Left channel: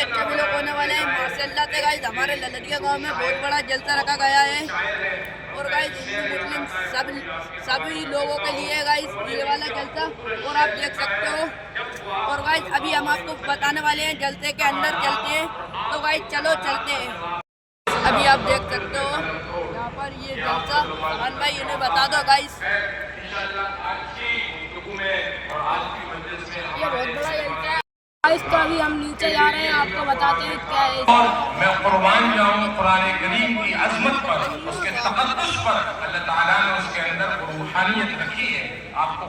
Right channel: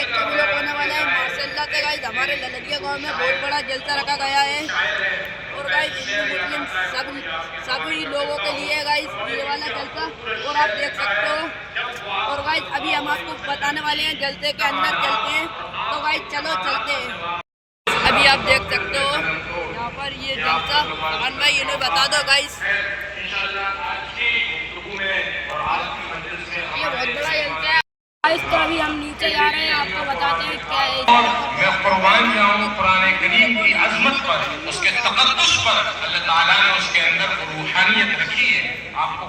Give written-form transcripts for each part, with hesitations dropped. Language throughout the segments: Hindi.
अच्छा भी लोग होने वाले हैं माशाल्लाह से गाइस। हमारे ललरिया गांव में बहुत बड़ा जलसा रखा गया है और गाइस हिंदू मुस्लिम सभी लोगों के लिए गाइस ये वाला जलसा और आप देख सकते हो। और गाइस अभी हम आपको बताने वाले हैं जलसे के अंदर चलते हैं, तो गाइस चलो चलते हैं। अभी आप देख सकते हो यहाँ पर ये जलसा अमन भाई इन्हें बता दो गाइस। ये बहुत बड़ा जलसा है गाइस। तो अभी हम नीचे जा रहे हैं, आपको बताते हैं क्या है। मैं कुर्बान जाऊं कुरान करीम की अज़मत पर, उसके तक़द्दुस पर। अल्लाह ताला ने उसके अंदर रूहानियत रखी है। आपको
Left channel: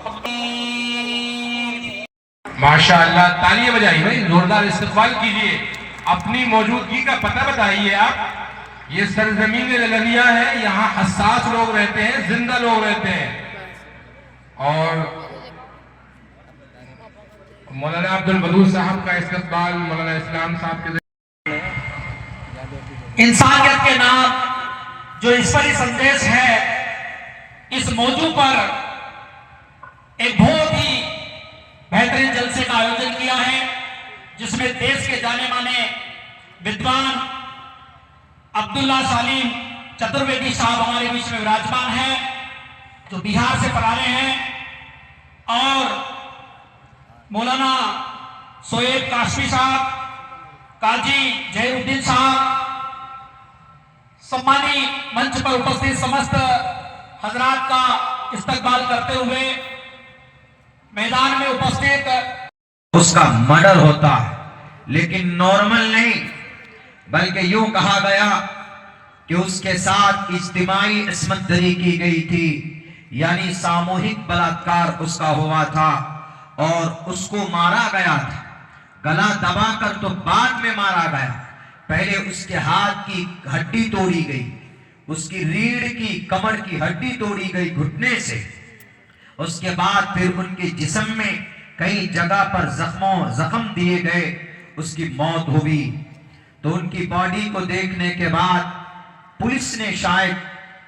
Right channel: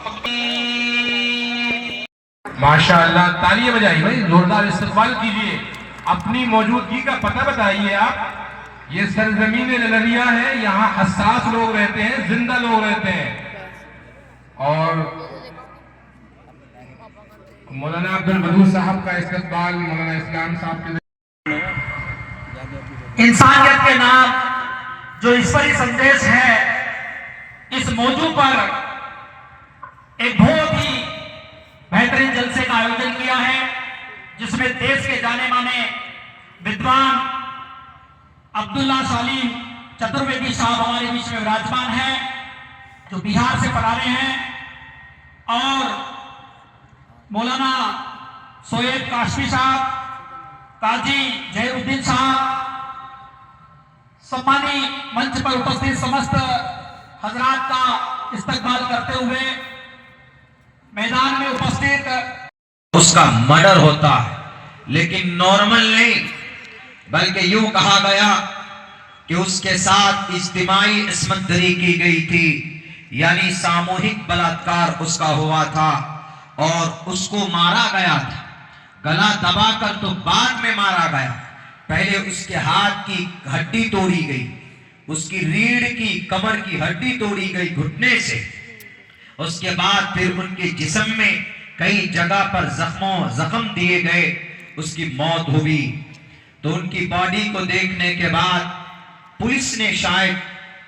माशाअल्लाह तालियां बजाइए भाई, जोरदार इस्तक़बाल कीजिए। अपनी मौजूदगी का पता बताइए आप। ये सरजमीन ललरिया है, यहाँ हसास लोग रहते हैं, जिंदा लोग रहते हैं। और मौलाना अब्दुल बलूच साहब का इस्तक़बाल मौलाना इस्लाम साहब के इंसानियत के नाम जो ईश्वरी संदेश है, इस मौजू पर एक बहुत ही बेहतरीन जलसे का आयोजन किया है, जिसमें देश के जाने माने विद्वान अब्दुल्ला सालिम चतुर्वेदी साहब हमारे बीच में विराजमान हैं, जो बिहार से पधारे हैं, और मौलाना शोएब काशमी साहब, काजी जहीरुद्दीन साहब, सम्मानी मंच पर उपस्थित समस्त हजरात का इस्तकबाल करते हुए मैदान में उपस्थित। उसका मर्डर होता है, लेकिन नॉर्मल नहीं, बल्कि यूं कहा गया कि उसके साथ इज्तिमाई इस्मत दरी की गई थी, यानी सामूहिक बलात्कार उसका हुआ था और उसको मारा गया था। गला दबाकर तो बाद में मारा गया, पहले उसके हाथ की हड्डी तोड़ी गई, उसकी रीढ़ की कमर की हड्डी तोड़ी गई घुटने से। उसके बाद फिर उनके जिस्म में कई जगह पर जख्म दिए गए, उसकी मौत हुई। तो उनकी बॉडी को देखने के बाद पुलिस ने शायद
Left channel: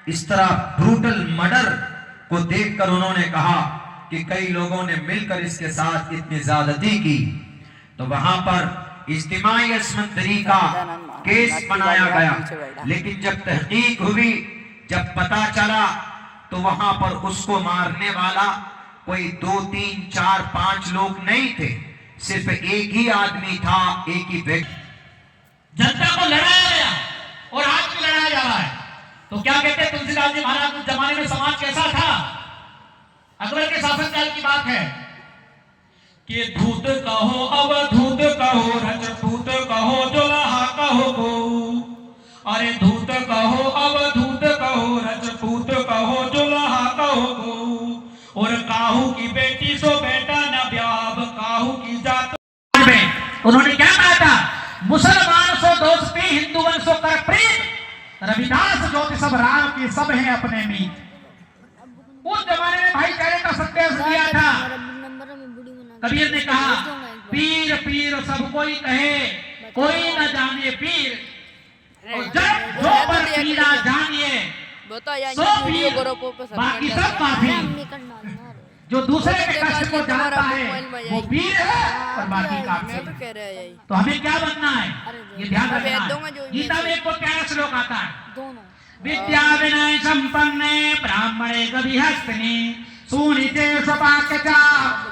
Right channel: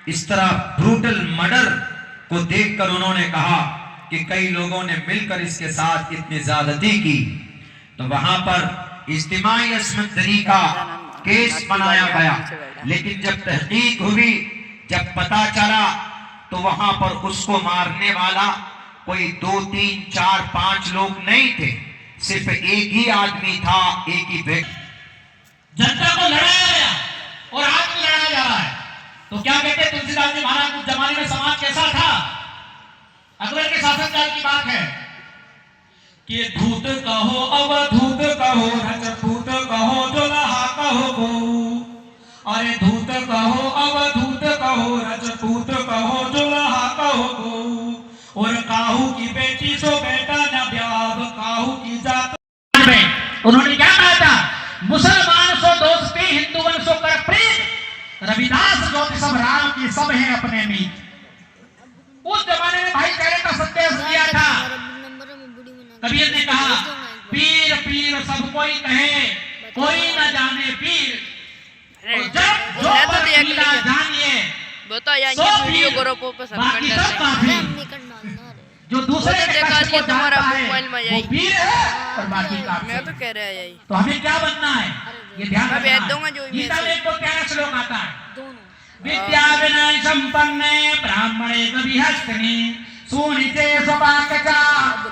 इस तरह ब्रूटल मर्डर को देखकर उन्होंने कहा कि कई लोगों ने मिलकर इसके साथ इतनी ज्यादती की। तो वहां पर इज्तिमाई इस्मत दरी का केस बनाया गया, लेकिन जब तहकीक हुई, जब पता चला, तो वहां पर उसको मारने वाला कोई 2, 3, 4, 5 लोग नहीं थे, सिर्फ एक ही आदमी था, एक ही व्यक्ति। जनता को लड़ाया गया और आज भी लड़ा जा रहा है। तो क्या कहते हैं तुलसीदास जी महाराज, उस जमाने में समाज कैसा था? अकबर के शासनकाल की बात है कि धूत कहो अवधूत कहो रजपूत कहो जोलहा कहो गो, अरे धूत कहो अवधूत कहो रजपूत कहो जोलहा कहो गो, और काहू की बेटी सो बेटा न ब्याह काहू की जात। उन्होंने क्या कहा था? मुसलमान सो दोस्ती हिंदुवन सो कर प्रीत, रविदास जो सब राम की सब हैं अपने मीत। उस जमाने में भाईचारे का संदेश दिया था। कबीर ने कहा पीर पीर सब कोई कहे, कोई न जाने पीर, जब जो पर जानिए वीडियो ग्रुपों पे सब कर डालते। जो दूसरे देखा दिए तुम्हारा मोबाइल में यही पीर है और बाकी का मैं तो कह रहा यही। तो हमें क्या बनना है ये ध्यान मैं भेज दूंगा जो गीता में को क्या श्लोक आता है? विद्या विनय संपन्ने ब्राह्मणे कविहस्तिनि सुनीते स्वपाकचा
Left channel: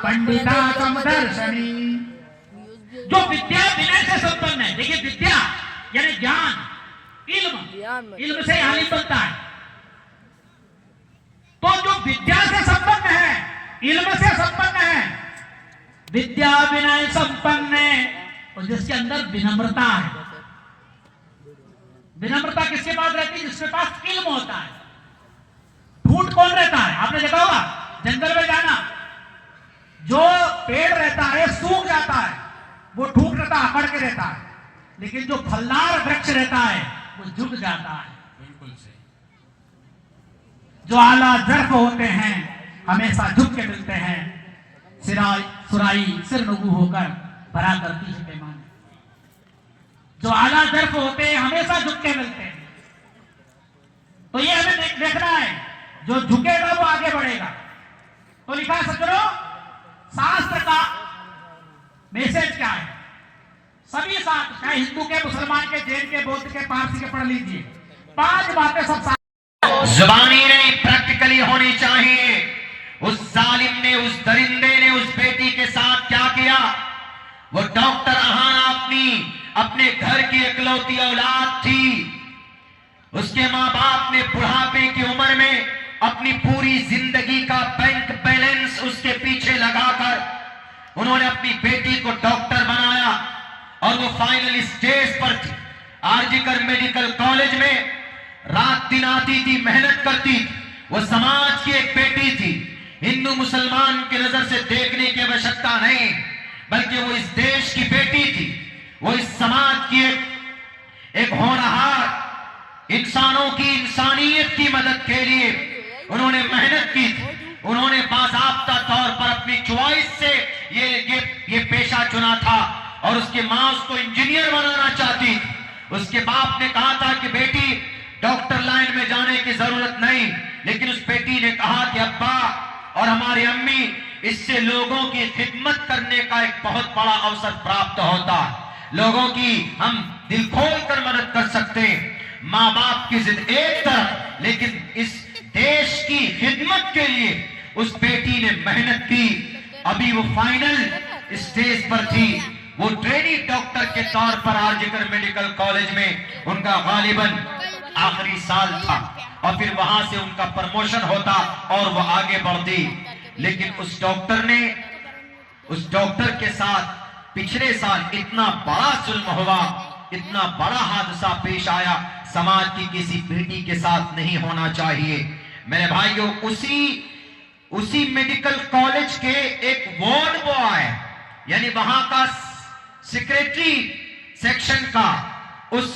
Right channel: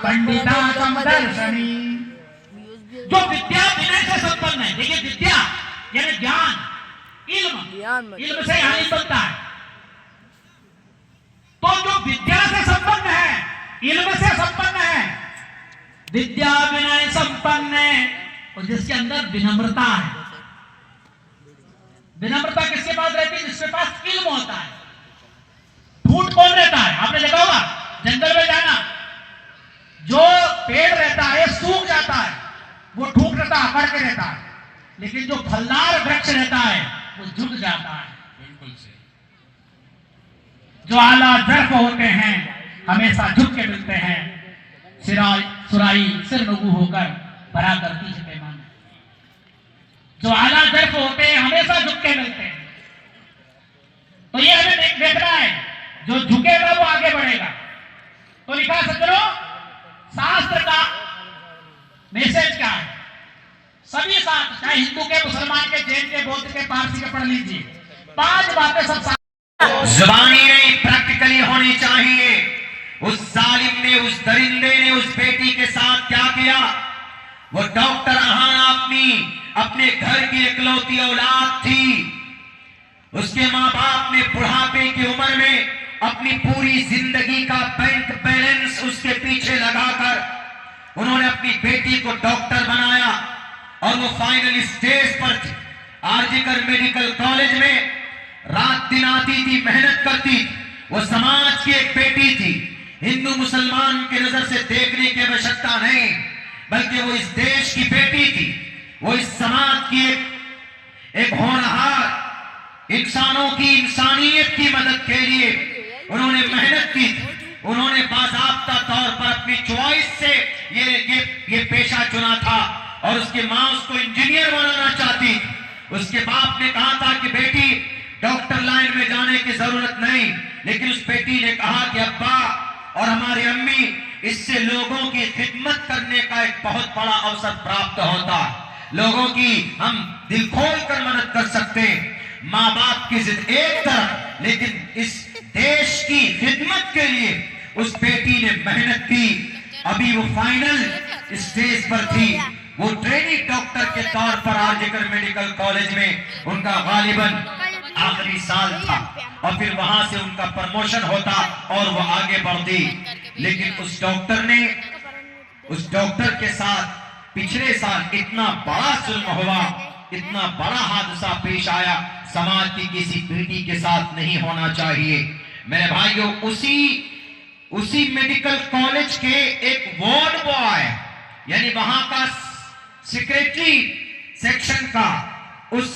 पंडिता समदर्शनी। जो विद्या विनय से संपन्न है, देखिए विद्या यानी ज्ञान, इल्म से हानि बनता है। तो जो विद्या से संपन्न है, इल्म से संपन्न है, विद्या विनय संपन्न है, और जिसके अंदर विनम्रता है। विनम्रता किसके पास रहती है? जिसके पास इल्म होता है। झूठ कौन रहता है? आपने देखा होगा जंगल में जाना, जो पेड़ रहता है सूख जाता है, वो ठूक रहता है, अकड़ के रहता है, लेकिन जो फलदार वृक्ष रहता है वो झुक जाता है। बिल्कुल से जो आला जर्फ होते हैं हमेशा झुक के मिलते हैं, सुराई सिर नगु होकर भरा करती है पैमान। जो आला जर्फ होते हैं हमेशा झुक के मिलते हैं। तो ये हमें देखना है, जो झुकेगा वो आगे बढ़ेगा। तो लिखा सज्जनों, शास्त्र का मैसेज क्या है? सभी शास्त्र चाहे हिंदू के, मुसलमान के, जैन के, बौद्ध के, पारसी के पढ़ लीजिए। 5 बातें सब जुबानी नहीं, प्रैक्टिकली होनी चाहिए। उस जालिम ने, उस दरिंदे ने उस बेटी के साथ क्या किया? वो डॉक्टर अहाना अपने घर की इकलौती औलाद थी। उसके माँ बाप ने बुढ़ापे की उम्र में अपनी पूरी जिंदगी का बैंक बैलेंस उसके पीछे लगाकर उन्होंने अपनी बेटी को डॉक्टर बनाया और वो फाइनल स्टेज पर थी। आरजीकर मेडिकल कॉलेज में रात दिन आती थी, मेहनत करती थी। वो समाज की एक बेटी थी। हिंदू मुसलमान की नजर से देखने की आवश्यकता नहीं, बल्कि वो इस देश की बेटी थी। वो इस समाज की एक होनहार, इंसानों की, इंसानियत की मदद के लिए उन्होंने मेहनत की थी। उन्होंने बाज़ाब्ता तौर पर अपनी चॉइस से ये पेशा चुना था और उसकी मां उसको इंजीनियर बनाना चाहती थी। उसके बाप ने कहा था कि बेटी डॉक्टर लाइन में जाने की जरूरत नहीं, लेकिन उस बेटी ने कहा कि अब्बा और हमारी अम्मी, इससे लोगों की खिदमत करने का एक बहुत बड़ा अवसर प्राप्त होता है। लोगों की हम दिल खोल कर मदद कर सकते हैं। माँ बाप की जिद एक तरफ, लेकिन इस देश की खिदमत के लिए उस बेटी ने मेहनत की। अभी वो फाइनल स्टेज पर थी। वो ट्रेनी डॉक्टर के तौर पर आरजीकर मेडिकल कॉलेज में उनका गालिबन आखिरी साल था और फिर वहां से उनका प्रमोशन होता और वो आगे बढ़ती। लेकिन उस डॉक्टर के साथ पिछले साल इतना बड़ा जुल्म हुआ, इतना बड़ा हादसा पेश आया, समाज की किसी बेटी के साथ नहीं होना चाहिए। मेरे भाइयों, उसी मेडिकल कॉलेज के एक वार्ड बॉय, यानी वहां का सेक्रेटरी सेक्शन का, उस